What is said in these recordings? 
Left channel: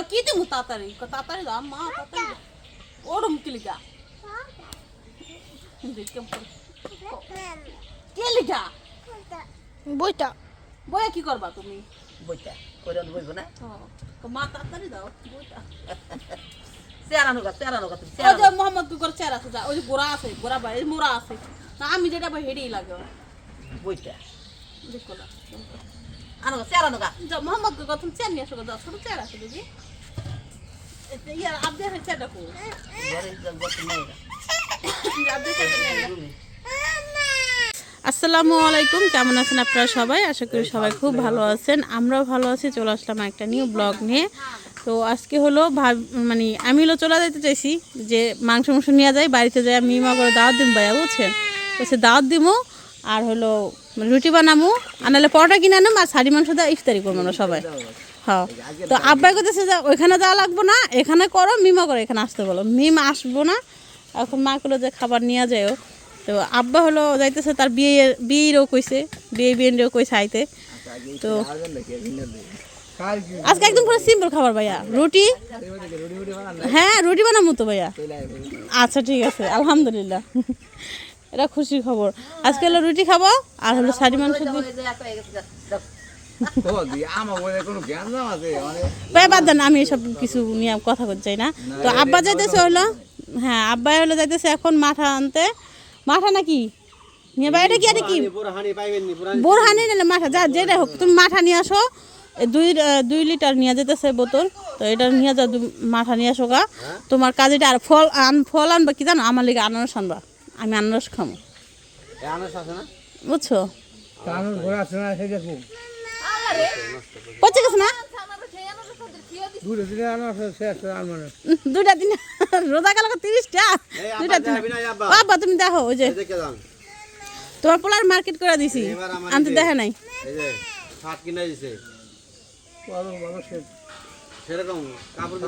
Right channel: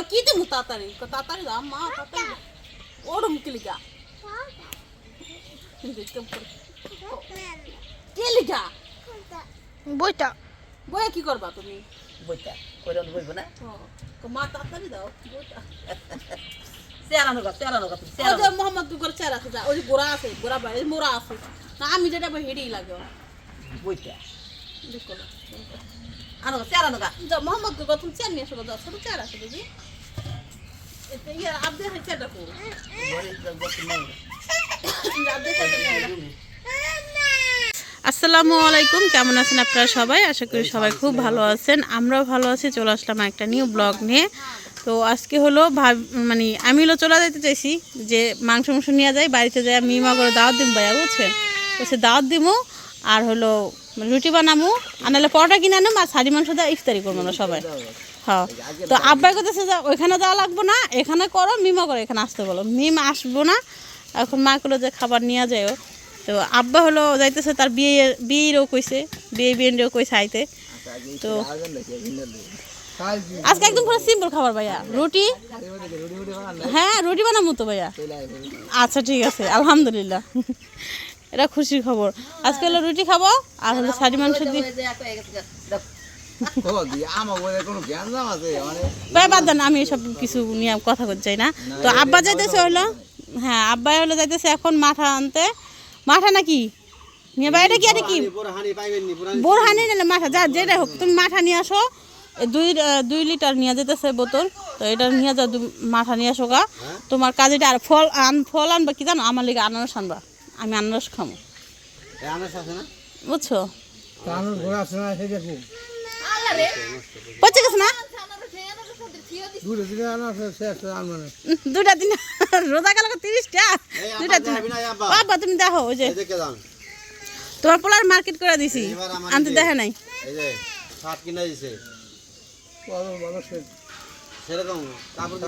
দাও কি দিমু তাড়াতাড়ি তাড়াতাড়ি দাও মা তাড়াতাড়ি ওরম কি লিখা কে লিখা বইটা বইয়া কি করবা তুমি বইটা কইরা বইবো না মা তাড়াতাড়ি দাও বইটা চেরানো গা তুমি ওই যে মোহাম্মদ গুগর চেরা আছে ওই যে গোড়া আছে গোড়া বাড়ি মোড়া আছে না আমি যেটা বই হেডেই লাগে বইটা দেখো না আনো গা চেরানো গা যা মোহাম্মদ গুগর তুমি চেয়ার নিয়ে আসো যাও ছোট চেয়ার আছে দিদি এটা ইয়ার আব্দে হয় চেয়ারটা কো ঘরে বসে নিয়ে গা আব্দে চেয়ারটা আসসালামু আলাইকুম, কেমন আছেন আপনারা সবাই? আশা করি সবাই খুব ভালো আছেন। আমরাও ভালো আছি। চলে আসলাম একটা নিউ ব্লগ নিয়ে। তো আজকে হলো মানে আমি হলো চলে যেতে চাইছি যে মাংস নিয়ে যাই বাড়িতে যাই মিমা করে দাওয়াত দিম ভাইয়া, বুঝছেন? তো সে দাওয়াত দিমো আর হলো রুটি বানামো আর নাহলে পরোটা কিনে আনবো আর শাড়ি মাংস দেওয়া ইফতারি করবো না সবাই। হ্যাঁ, তো আব্বাই করতেছে যে ওইখানে যাওয়া লাগবো না, এখানে করো, মিমা করে এখানে আসতে বলো। মিম আসবো না, এখন মা করলো যে খাবার নিয়ে যায়ও। তো আব্বা হলো যাইতেছে তার বিয়েরও কইছে, বিয়েরও কইছে আইতে। তো আজকে একদম পুরো সিম্পল খাবার ভাইয়া, রুটি। হ্যাঁ রুটি বানাবো তো ভাইয়া। আচ্ছা ঠিক আছে, আলহামদুলিল্লাহ, এটা খুশির খবর। আজকে হলো রুটি খাবো আর হলো শাড়ি মাংস দিয়ে বাদ দেন, আমি এসব কিছু নিয়ে কথা বলতে চাই না। তো আব্বা যাইতেছে হলো, হ্যাঁ আব্বা হলো যাইতেছে এখন মাঠা আনতে। মাঠা নাকি নিয়ে বাইরে কি আর কি বোরহানি নিলে মাঠা যা যেটা হোক, তুমি মাঠা নিয়ে আসো। 2 লিটার নিয়ে যেতেছে বোতল, তো এটা নিয়ে যাও, মাঠা নিয়ে আসো গা। তোমার কাজেটা আর ফল আনবা কি জানো, আমার লিগে আনারস আনবা, আমি আনারস খাবো, বুঝছো? পচে গেছে না 2টা দিন রোজা কালকে 30টা 2টা দিন। বাবা তুমি দেখো ওই যে তোমার পোলার মার্কেট করে দিছি, আনতে দেখা নাই। এই যে শার্ট কিনে দিছে সেরকম কাপড়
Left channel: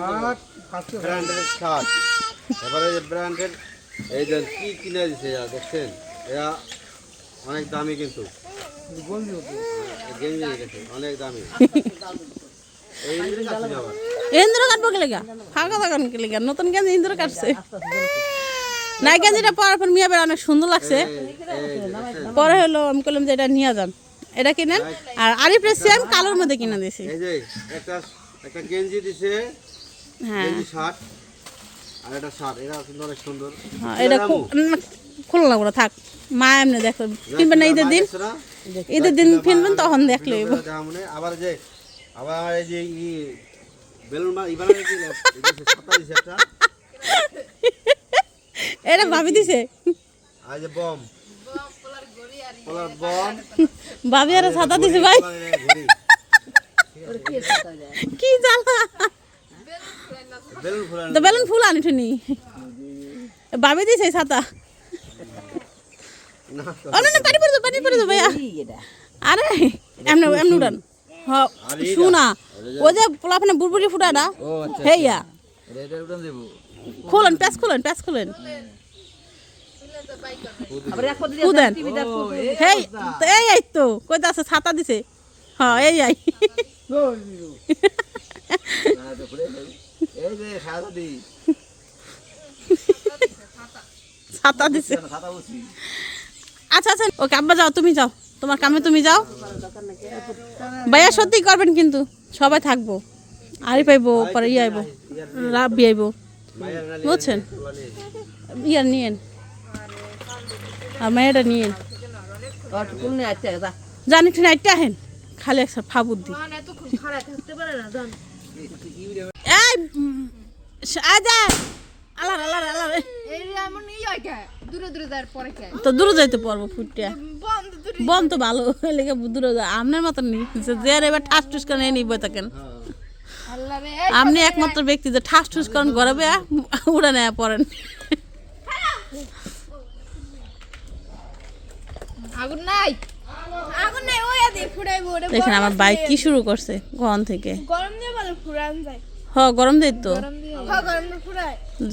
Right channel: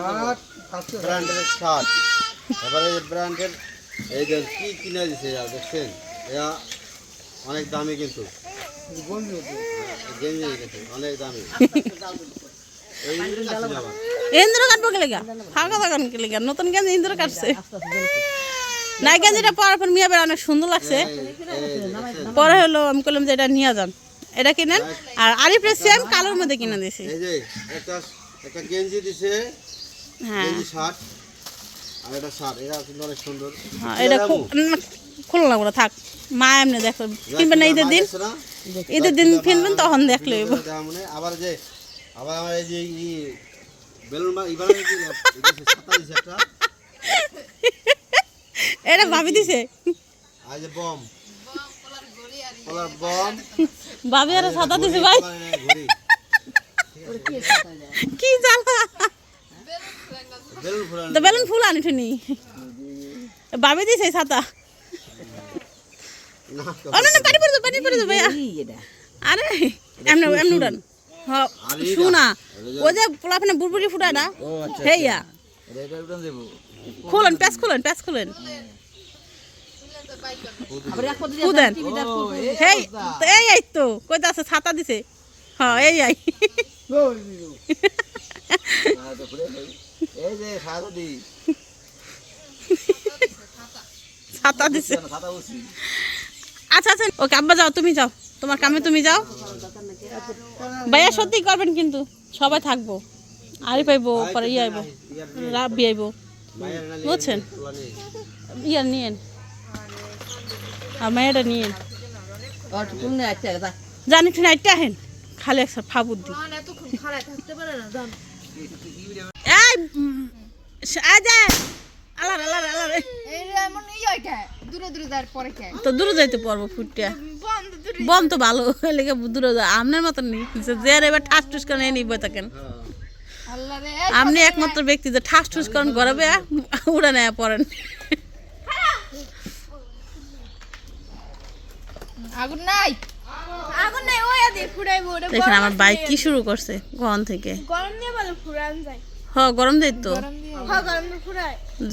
ব্র্যান্ডের শার্ট, তারপরে এই ব্র্যান্ডের এই যে কি কিনে দিছে দেখছেন, এরা অনেক দামি কিন্তু গেঞ্জি অনেক দামি। ইন্দ্র কাটবো কে লেগা, ফাঁকা দোকান কে লেগা, নতুন গেঞ্জি ইন্দ্র কাটছে। নাই গেঞ্জিটা পরার পর মিয়া বের অনেক সুন্দর লাগছে। পরে হলো আমি বললাম যে এটা নিয়ে যান, এটা কিনেন। আর আরিফের সেম কালোর মধ্যে কিনে দিয়েছি। এই যে একটা গেঞ্জি দিছে, হ্যাঁ গেঞ্জি শার্ট আর এটা শার্ট, এটা কিন্তু অনেক সুন্দর। হ্যাঁ এটা খুলে লাগবো না, থাক মা এমনি দেখো কিনবেন না ঈদের দিন, ঈদের দিন কিনবেন তখন দেখলে। আবার যে আবার আমার এই যে বেলুন ছাতা দিছে একটা, এটা ভাবি দিছে। আর যে বম পোলার বম ভাবি আর ছাতা দিছে ভাই, কি জ্বালা। বেলুন ফুলানো তো বেলুন ফুল আনি শুনি ভাবি দিছে ছাতা। না পানি পড়ে যাবে ভাইয়া। আরে এমনি উড়ান। হ্যাঁ শুনা ওই যে পোলাপানে বুড়বুড়ি ফুটাটা হেয়া খোলেন, প্যাঁচ খোলেন খুদেন। হেই এই তো কইতে আছে ছাতা দিছে। হ্যাঁ এই ছাতা দিছে। আচ্ছা আচ্ছা ওকে আব্বা যাও, তুমি যাও তোমার কামে, তুমি যাও। ভাইয়া সত্যি করবেন কিন্তু সবাই থাকবো, আরি পাইবো পরে আইব রাব্বি আইব, বুঝছেন? ইয়ার নিয়েন আর মেয়েটা নিয়েন, জানি ঠিক আইটা আহেন খালি একটা ফাবুদ দি। তো দূরে যাইতে পারবো ফুটটা বম তো ভালো লেগে দূরে যায় আপনার মতন নি যে এবার ঠাস ঠুস করে নিব থাকেন। আপনি একমাত্র ব্যক্তি যে ঠাস ঠুস করেন গড়াবে উড়ে নেয় পড়েন। দেখেন আমার বাইক কি শুরু করছে গরম থেকে। গরম দেয় তো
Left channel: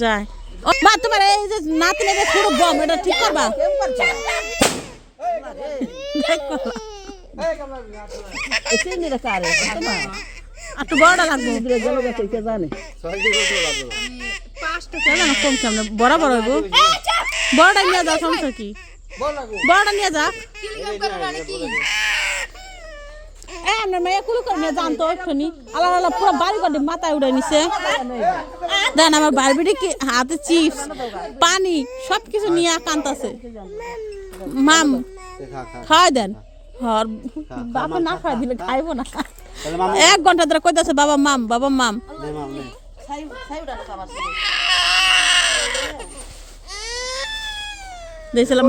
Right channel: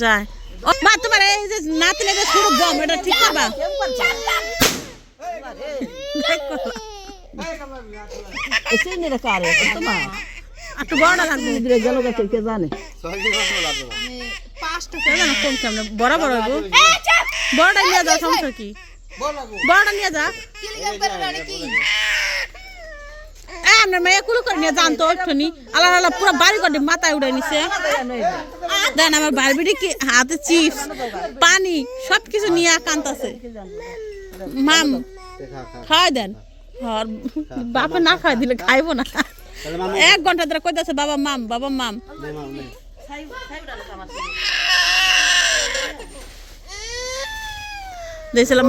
যায়। ও মা তোমার এই যে নাতি লেগে ছোট বম, এটা ঠিক করবা? একটু বড়টা লাগবে গেল গেছে কে জানে 6 কেজি কত লাগবে কে জানো কম কেমন বরাবর হইব বড়টা নিয়ে যা সমস্যা কি বড়টা নিয়ে যা আপনার মেয়ে কুলু করে নিয়ে জানতো একটুনি আল্লাহ আল্লাহ পুরো বাড়ি করে মাথায় উড়ে নিছে দেন আমার বারবিটি কি হাতে চিপস পানি সব কিছু নিয়ে কান্তাছে মাম খাওয়াই দেন আর বাপে না খাওয়াই দিলে খাইবো না 1 ঘন্টা ধরে কইতাছে বাবা মাম দেখছিলাম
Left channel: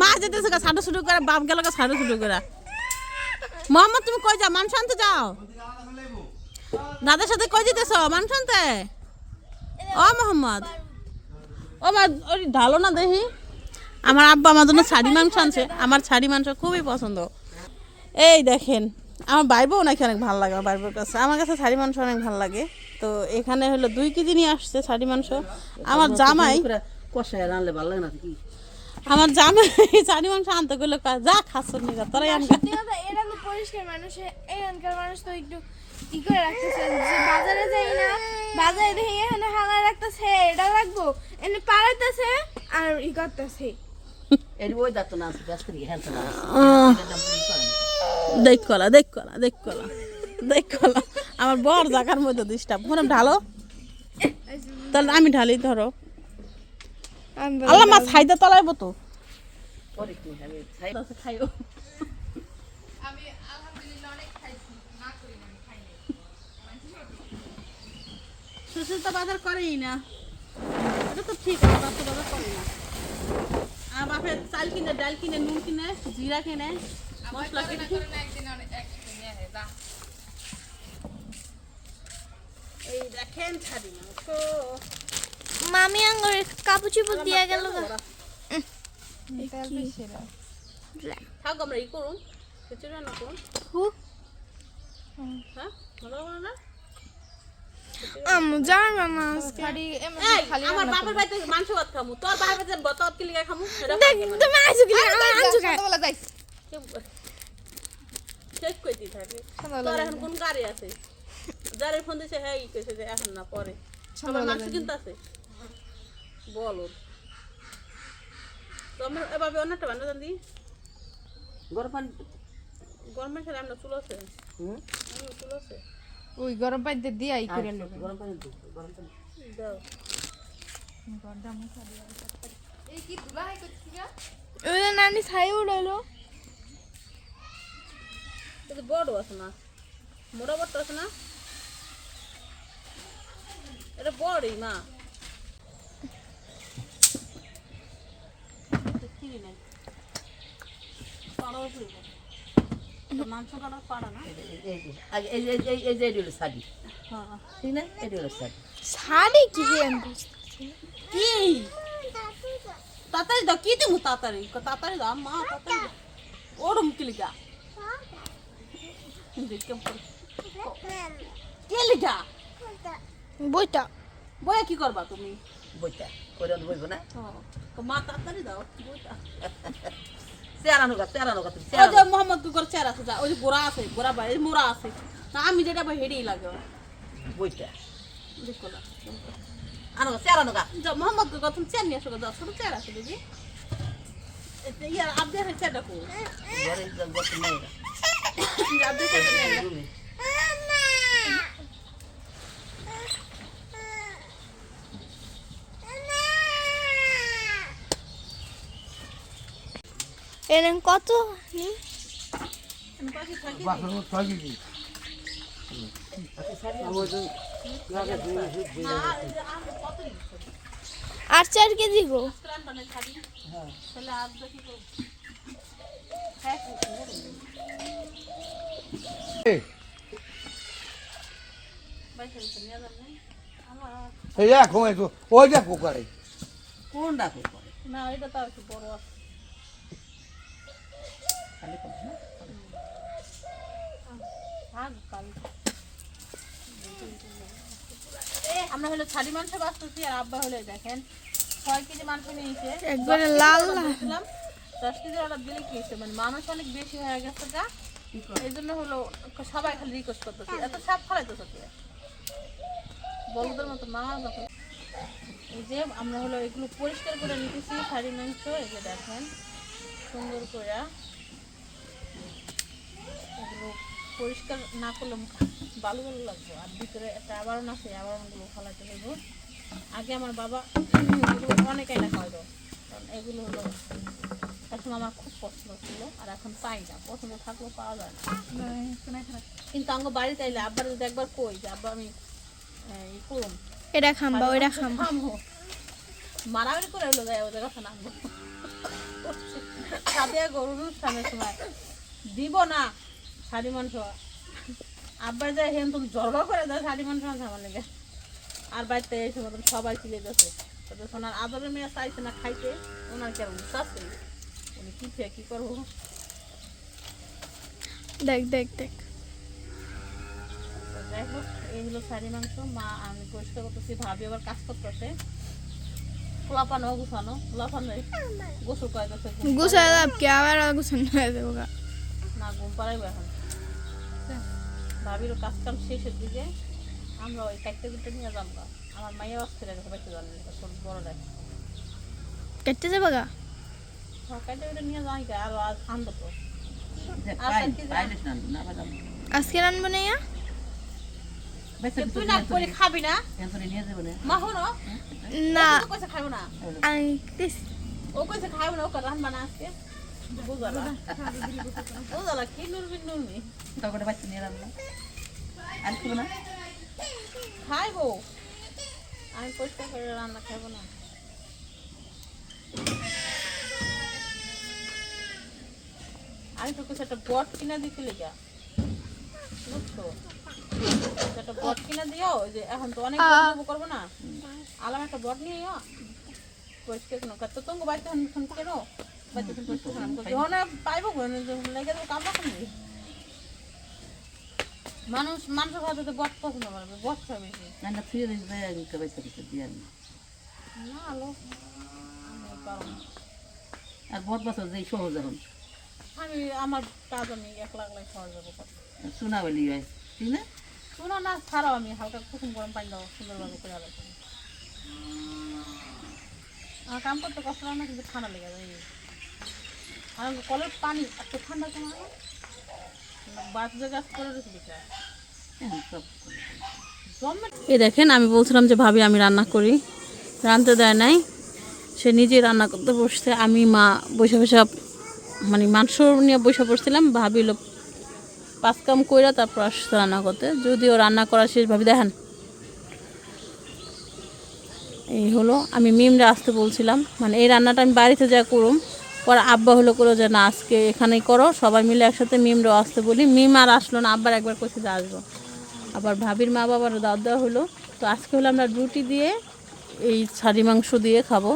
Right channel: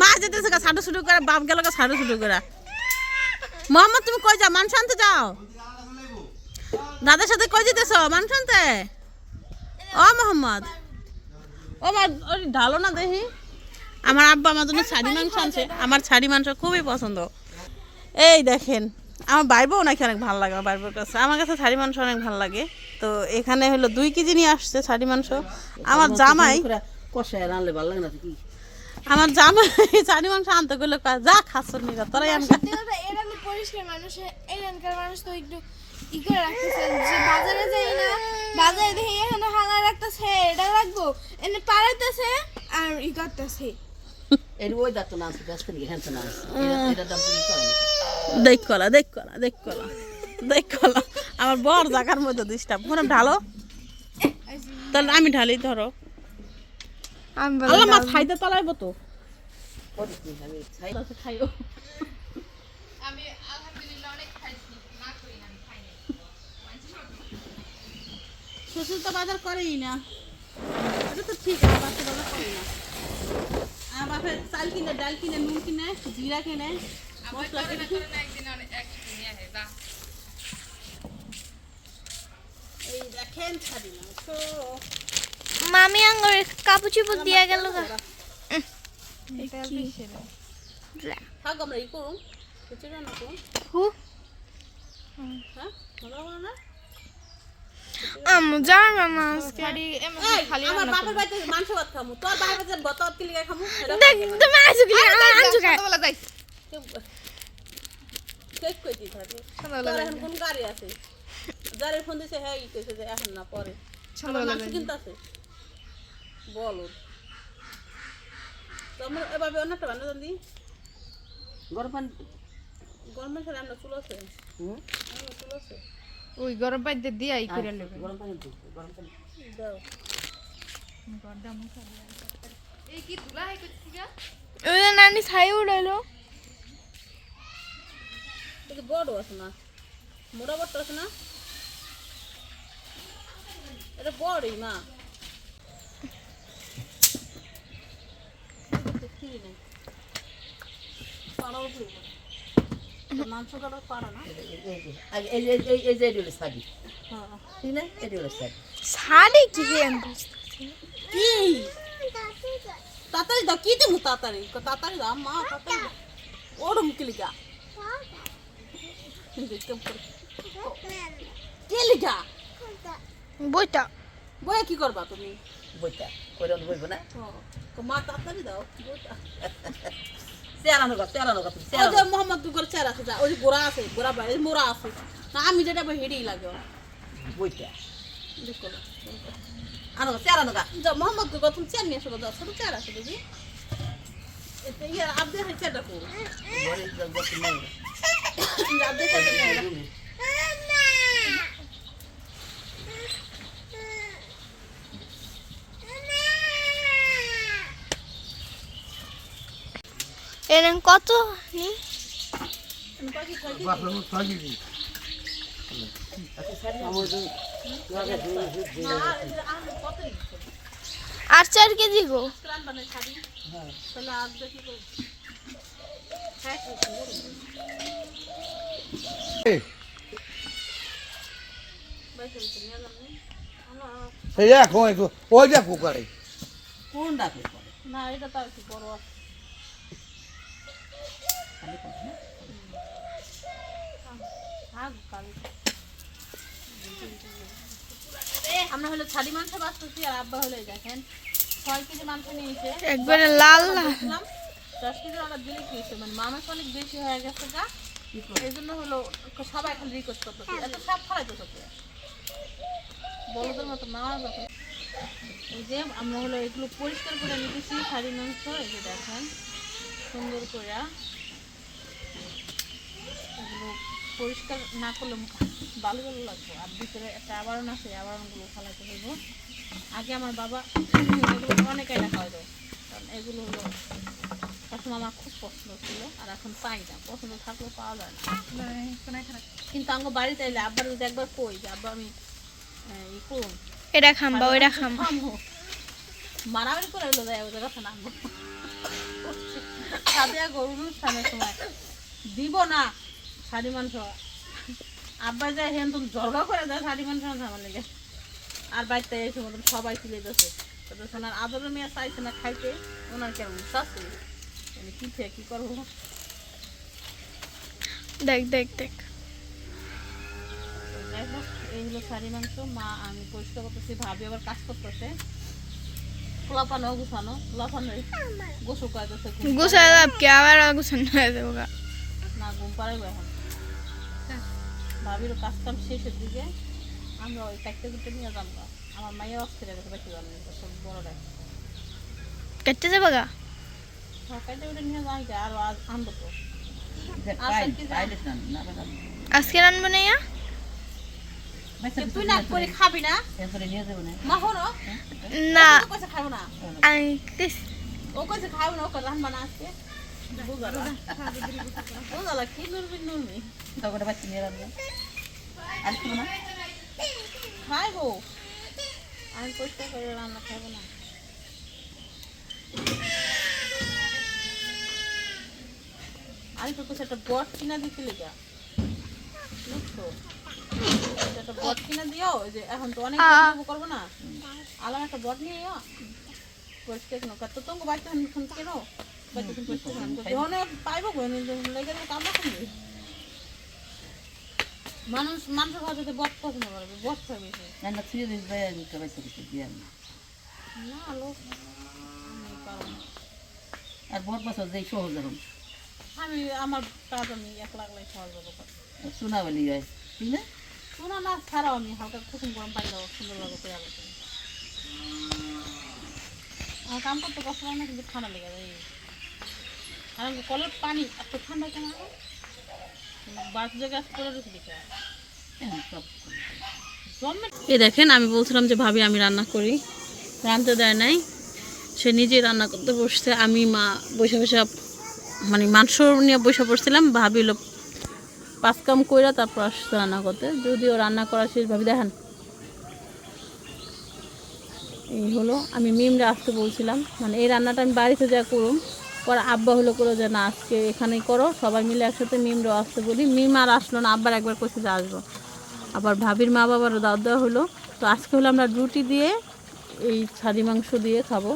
মা যেতেছে ছাড়ো শুরু করে বাপ গেল ছাড়ো শুরু করে মোহাম্মদ তুমি কই যাও মানুষ আনতে যাও দাদার সাথে কই যেতেছ মানুষ আনতে ও মোহাম্মদ ও মা ওই ঢালো না দেখি আমার আব্বা আমার জন্য ছাড়ি মাংস আনছে আমার ছাড়ি মাংস খুবই পছন্দ এই দেখেন আমার ভাইবও নাকি অনেক ভালো লাগে আমার ভাইবোর কাছে আমার কাছে ছাড়ি মাংস অনেক ভালো লাগে তো এখানে হলো 2 কেজি নিয়ে আসছে ছাড়ি মাংস আমার জামাই কষায় রানলে ভালো লাগে না কি আমার জামাই ছাড়ি মাংস আনতে গেলে যা খাচ্ছ নিগা তোরাই আনগা এরকম পরিষ্কার মানুষ এখানকার মানুষ তো একটু ই করে রাখতেছে যে বাজারে যাই না বাজারে দেখি এখানে হালায় রাখতেছে এটা রাখবো এনে পাড়াইতেছে আর ই করতেছে এর ওই দাঁত না আছে ব্যস্ত নিয়ে হ্যাঁ না এটা দাম দিতে পারে দেখ কলা আমার বর জায়গার মধ্যে ডিস্টার্ব মনে ঢালো তাহলে আমি ঢালি ধরো আল্লাহ মাছ খাইতে তলাইবো তো পরে কি আমি ছাই খাইও শ্বশুর তো বাজার করেই না এটা তো ঠিক আছে বাচ্চা বাজার করে না আর বাপের চাল কিনে ডাল কিনে নুন কিনে জিরা কিনে মশলা কিনে এই দেখেন ছাড়ি মাংস মামি আঙ্গুর কাপড় চোপড় দিয়া গেল গা থাক আমরা ই করুন কিছু রান্না করুন হ্যাঁ মজা করো না জানো না আজকে আমার বাপের বাড়িতে মাংস ভাত খামু তোর বাপের বাড়িতে তোর কি লিখা খামু তুমি আইছো কি আমার আনছো কা ঠিক কই দি থাকে তোর এখন কোন গাড়ি আছে যারে ফোন দিছে হ্যাঁ ই কইছে যে এখন না পরে আমার মাংস কিনতে আছে বলো তোমার এভাবে অন্যটা বানাতে জানি গরমের সাথে আমরা চুল আছে চুল আছে ওই গরম পানিতে দিয়ে ই করে নেব গরম পানি দিই গরম পানি দাও ওই নানি ছাই উড়ালো এটা বড় আছে না মোটা বড় আছে না এটা বড়ই মা মাংস কাটা পাড়া না এই যে এগুলো শাড়ি ঠিক না এগুলো শাড়ি শাড়ি কি কি তাড়াতাড়ি দাও কি দিমু তাড়াতাড়ি দাও মা তাড়াতাড়ি ওরম কিলিকা কে লিখা বইটা বইয়া কি করবা তুমি বইটা করে বইব না মা তাড়াতাড়ি দাও বইটা তেরানো তুমি ওই যে মোহাম্মদ দুগর চেয়ার আছে যা ওই যে গোড়া আছে গোড়া বাড়ি মোড়া আছে না আমি যেটা হেঁটেই লাগে বইটা দেখো না তেরানো গা যা মোহাম্মদ দুগর তুমি চেয়ার নিয়ে আসো যাও ছোট চেয়ার আছে দিদি এটা ইয়ার আব্দে হয় চেয়ারটা কো ঘরে গেছে মেয়েরা আব্দে চেয়ারটা নিয়ে আয়। রুমে এরকম কত নি আর 4 কেজি গো তাহলে আব্দে কি করব এই দেখো ওই দেখো করে কোন ডাকে করে না এটা তাও একটু বড় আছে খালি করে না আমরা হলো ছাড়ি মাংস বাঁচতেছি আর আব্বা হলো দেখেন 6 কেজি মাংস নিয়েছে একবারে লাল লাল 10 কেজি অর্ডার দিলে কি হয়েছে মানে মাংস অনেক বেশি হয়ে গেছে গা এই জন্য হলো সবাই খালি রিকোয়েস্ট করতেছে এত সাপ ফলাইতেছ কি বলদের মতো মাও দেখো এই যে আমরা হলো এগুলো পরিষ্কার করে নিতেছি শাড়ির মাংস এই যে দেখেন সুন্দর করে এগুলো পরিষ্কার না করলে ভালো ভালো লাগবে আর ভিতরে একটা আবরণ আছে আবরণগুলো ফালাতে হইব আগে আমার বাবা এগুলো অনেকেই না খাওয়া যায় কারণ এগুলো হলো এখন আমার খুব পছন্দ ছিল আর এখন পাই না পছন্দ থাকলেও পাওয়া যায় না কিন্তু আমার বাড়িতে এলে আব্বার যদি একবার কই যে আব্বা আমি ই করুন এটা খাম্বা ওইটা খাম্বা মারামারি করে এলো যায় ওদের কথা নামবো সাথে গরুর অনুষ্ঠানের সময় দিব না শাড়ি মাংস আব্বা যায় হেন তুমি জড়া করে দেয় শাড়ি মাংস আমার লেগে আর বাড়িতে এই সময় সবাই তুলে দিচ্ছে তো সোনার আদরের মেয়ে চাইছে না খাইতে ওনার কেমন শাশুড়ি মানে কি থেকে কি করবো দেখ দেখ দেখ তো যাই হোক এই হলো শাড়ি মাংস মা আমি পরিষ্কার করতেছি ভাবি আবার কাজ করতেছে পোলাপানো গুছানো পোলাপানো গোসল করে গেছে গুছা দাব কি আবার গুছানো হয়ে যাবো গা না ঘুম পাড়াইবো এখন ভাবিরও কাজ কাম শেষের দিকে আমরা ওই কাটতে কুটতে নিয়ে যাবো আমার মাইয়া অস্থির গেছে বেশি জানি সব বড় রাখি কেটে যাবো গা কাটতে কুটে নিয়ে যাই আর আজ আনবো তো আজকে রানবো না ইয়া তুই না করে খাবি না মা হনো না ও কইছে খাবো না আমি ও কইছে খাবো না ও রান বানা আজকে বুঝালা বুঝালা কি নুরবি নুরমি খাইবো আমি পরিষ্কার করে রান্না খাইবো না আমি তো কিছু একটা বট কিনা দিছিলি গা বুঝছো একটা বট কিনা দিও যে এখন তো অনেক করবো না আলাম একটা বট নিয়ে পরিষ্কার কেন তো তোমাকে বাড়িতে ফোন কেন বাড়িতে পরিষ্কার যখন পাইবো লেগে কামড়া করবি মানুষ মানুষের খাওয়াতে বট পছন্দ করবে বট খাই বেশি না লোক আর ভোট বছর যে সহজ এখন আমি আমার কাজ আমি একলা একলাই খাওয়া যাবো শোনা বলি হয় ঠিক না শোনা না ছাড়াও আমি হালকা কুসুম গরম পানি দেবো সুন্দরভাবে করে আবার আমার কাম করতে কষ্ট লাগে না কিন্তু ঠান্ডা লেগে যায় আর কলের পানি এত ঠান্ডা কেন বাস জায়গা করে রেখে দিতে সব এই দেখেন আমি বলছিলাম যে ভাবি আমি রান্না করি রাঁধতে দেয় নাই সে নিজেই রান্না করতে বসছে আমি মা বসে বসে মানে মাংস নিয়ে বসে পড়ছিলাম ভাবি হলো পাঁচ কাম কইরা তারপর আসছে রান্না করতে যদিও রান্না করা শেষ ভাবি দেখেন এই হলো আমি মিমরা আসতে বলছিলাম মানে এই রান্নাটা আমি বাড়িতে যা করুম পরে আব্বা হলো করো যে না আজকে এখানেই করো সবাই মিলে একসাথে মিমরাও আসতে বলি মিম আর আসলো না আব্বার একবার কইছে যে আসবো আবার ভাবির মা বাবারও দাওয়াত দেওয়া হলো তো আজকে হলো আমরা রুটি দিয়ে এই ছাড়ি মাংস দিয়ে খাবো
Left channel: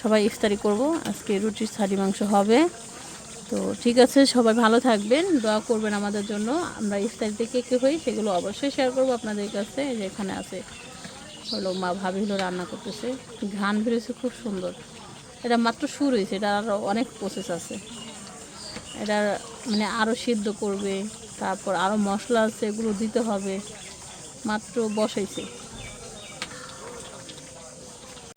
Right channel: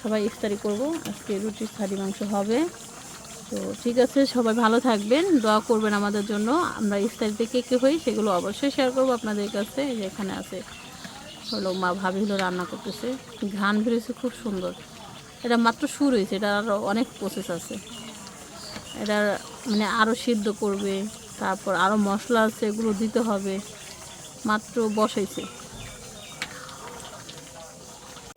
সবাই ইফতারি করব আজকে রুটির ছাড়ি মাংস হবে তো ঠিক আছে সবাই ভালো থাকবেন দোয়া করবেন আমাদের জন্য আমরা ইফতারিতে কে কে হই সেগুলো অবশ্যই শেয়ার করবো আপনাদের কাছে যে এখানে আছে হলো মা ভাবি হলো রান্না করতেছে ঘ্রাণ বেরিয়েছে খুব সুন্দর এটা মাত্র শুরু হয়েছে এটা আরও অনেক প্রসেস আছে এটা মানে আরও সিদ্ধ করবে তারপর আরও মশলা আছে এগুলো দিতে হবে মাত্র বসাইছে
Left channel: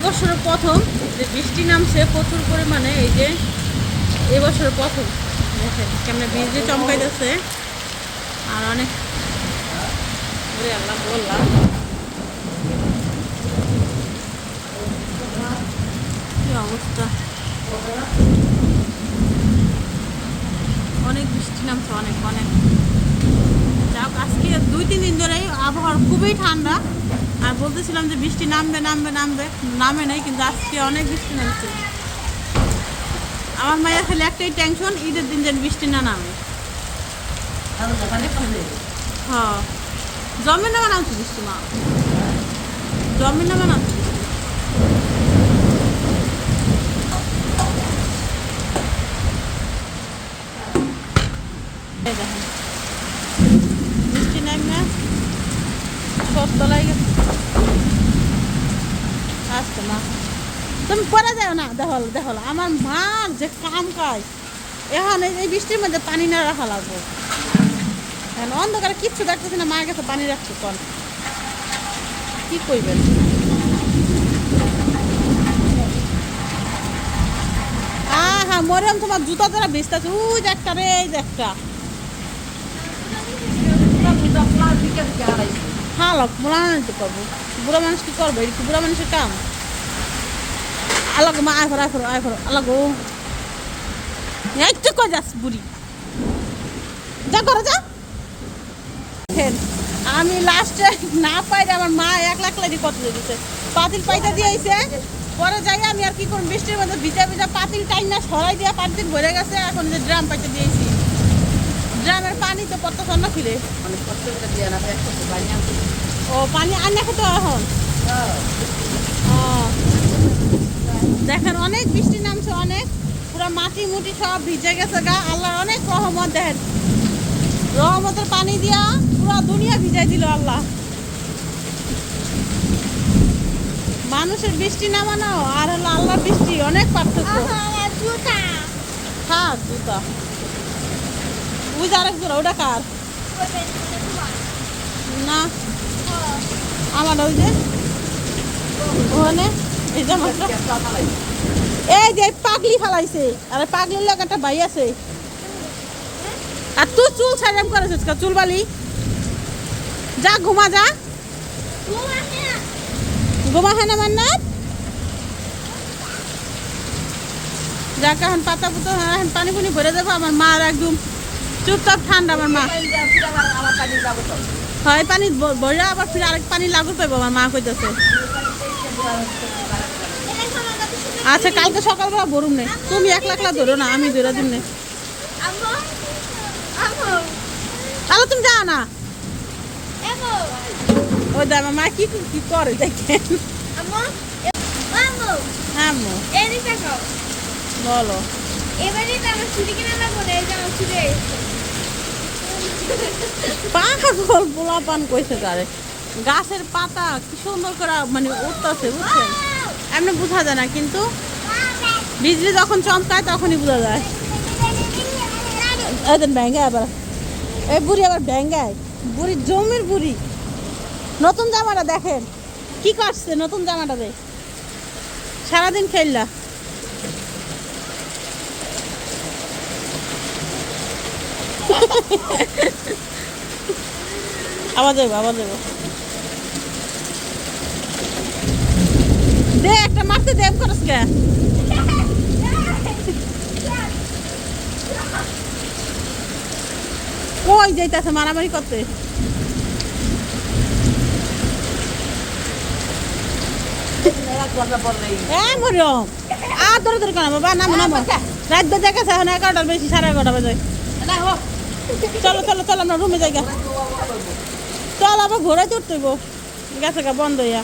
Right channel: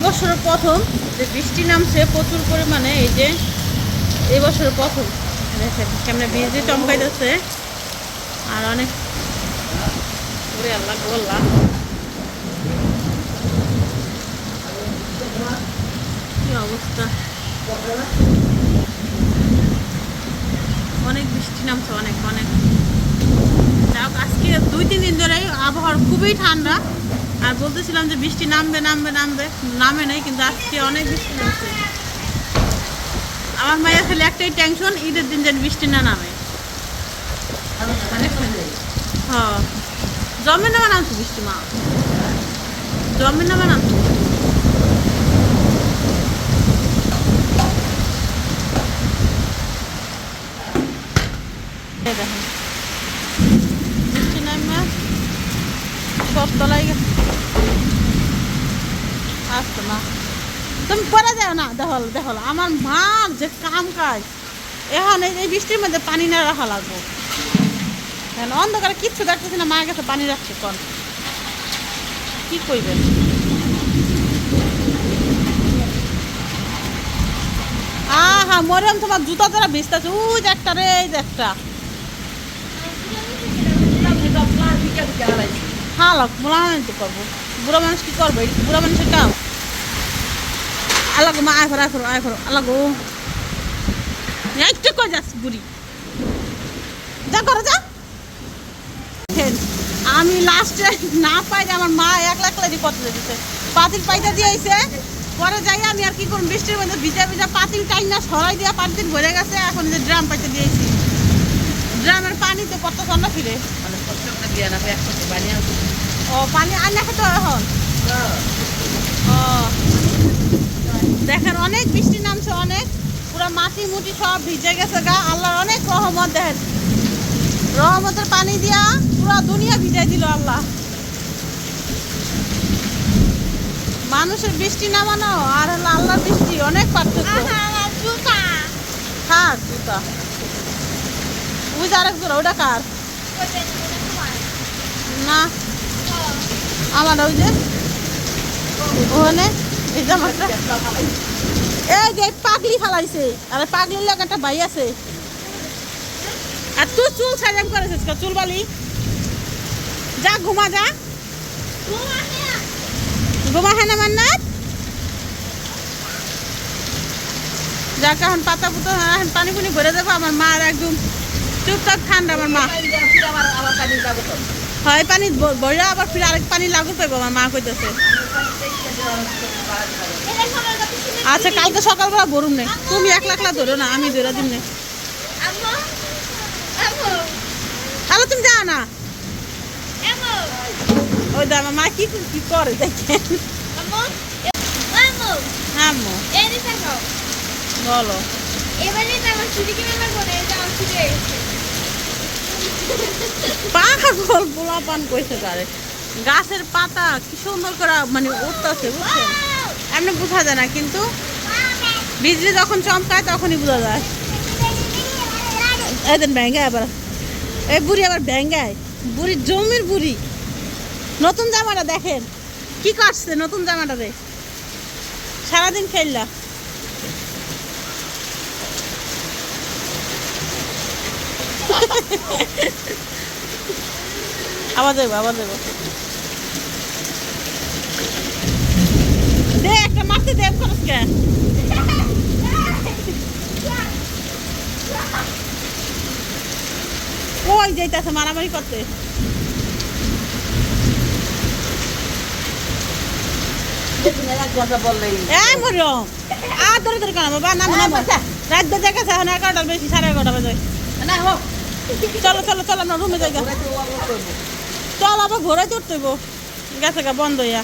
বছরের প্রথম যে বৃষ্টি নামছে প্রচুর পরিমাণে এই যে এই বছরের প্রথম দেখেন কেমন বৃষ্টি চমকাইতেছে আর অনেক ওরে আল্লাহ বললাম কি অবস্থা অনেক বৃষ্টি নামছে অনেক অনেক যাক আজকে 2-3 দিন ধরেই আবহাওয়া খুবই ঠান্ডা আর বলতেছিলাম যে বৃষ্টি নামবে নামবে নামবে নামে নাই কিন্তু আজকে অনেক বৃষ্টি নামছে আমার মায়ের খালি একটাই টেনশন ঈদের দিন যেন বৃষ্টি না নামে হ্যাঁ জমে নামে নামছে বৃষ্টি মা জমে নামে নামছে বৃষ্টি দেখেন বৃষ্টি নামে সব তলায় গেছে আসতো মা তুমি পরে যাও না দেখো দেখো আমার মার যে কাম কাজ এখন এই বৃষ্টির মধ্যে পানি না রাখা লাগবো। এখন অন্ধকারে কিচ্ছু দেখতেছি না, মায়ের কাছে পানি রাখছি কন কি কইবেন। আহা মরিয়ম তোমার জুতা দ্বারা ভিজতেছে, ওই যে একটা রে, এই যে একটা হ্যাঁ লাগ বুড়া মানুষ তো করবো, বুড়া মানুষ কি করবো, এটা কি বুড়া মানুষের কাম? আলাগো মা আয় ফরো আলাগো একটু কই যাস বুড়ি, যা করো যা। আমি লাস্টে না পাই আমার মা একলা দিয়ে কত দিতেছে, পাতিল পাইটা দিয়েছে, পরে যাই আমি আর কি করুন, বৃষ্টির মধ্যে ভিজা পাতিল টাইম না সরাই দিয়া পাতিল ভরে গেছে, এখন যে ড্রাম পাইতে দিয়েছি, ড্রামের পানি তো কত সন্ন ফিরে। ও পানি আইনা খেতে এখন ও দেখেন অনেক বৃষ্টি নামছে, অনেক পুরা মাটি মুটি সব ভিজে গেছে গা, আল্লাহর অনেক রহমত। দেখেন রহমতের পানি দিয়া পুরা দুনিয়া ভিজাই দিল আল্লাহ। মানুষের বৃষ্টি নামানো আর হলো আল্লাহর বৃষ্টি অনেক পার্থক্য। হ্যাঁ জুতা ওই যে আরেক জোড়া, ওটা কার? না আমার ওই যে ওখানে এই জামাটা, এই যে পাগলি ফালাইছে, আর পাগলির লাগে একটা ভাই আছে। আর তুই চুল সাজাম করেছিস, চুল বালি যা ঘুমা যা, ঘুমা হ্যাঁ না মান্নাত যাকে এখন পাতা পুতো এখন পানি পুনি ভরে দেবো। আমার মার একদম চুপচাপ ঠান্ডা, আমার মা হয় পানি ভরে আবার ফিরে আরেক পানি লাগু পাইবো, আমার মা কইতেছে। আচ্ছা কালকে সকালবেলা ভরুম নে, তুমি একলা ধরো না, আমি ধরে দিন নে। তাহলে তুমি যাও না, ওই দা আমার মা কি করে দেখেন। হ্যাঁ বলো পাগল পোলা পান কইছে কারে, গাছের পাতা কি সুন্দর করে মানে উঠতেছে বুঝছেন, এমনি বোঝা যায় না, কিন্তু বিজলি যখন চমকায় তখনই বোঝা যায়। এই ব্যাঙ্গায় আবার এই বুড়ি, আবার ব্যাঙ্গায় বুড়ি, জমির বুড়ি। নতুন জামাটা দেখেন কি করছে, নতুন জামাটা রে সারাদিন খেললা। আবার দেবো দে, একটা মারতে দেব করিস কে? কই যাইতেছে মারামারি করতে? মরিয়ম আর ধরে কেন বাবা, নামো রাত বেজে গেছে, এখন 11টার বেশি, 11:30 বাজে। চলো আমরা রুমে যাই, চল আবার ঘোরাই তুলতে গেছে গা বন্ধ হইয়া।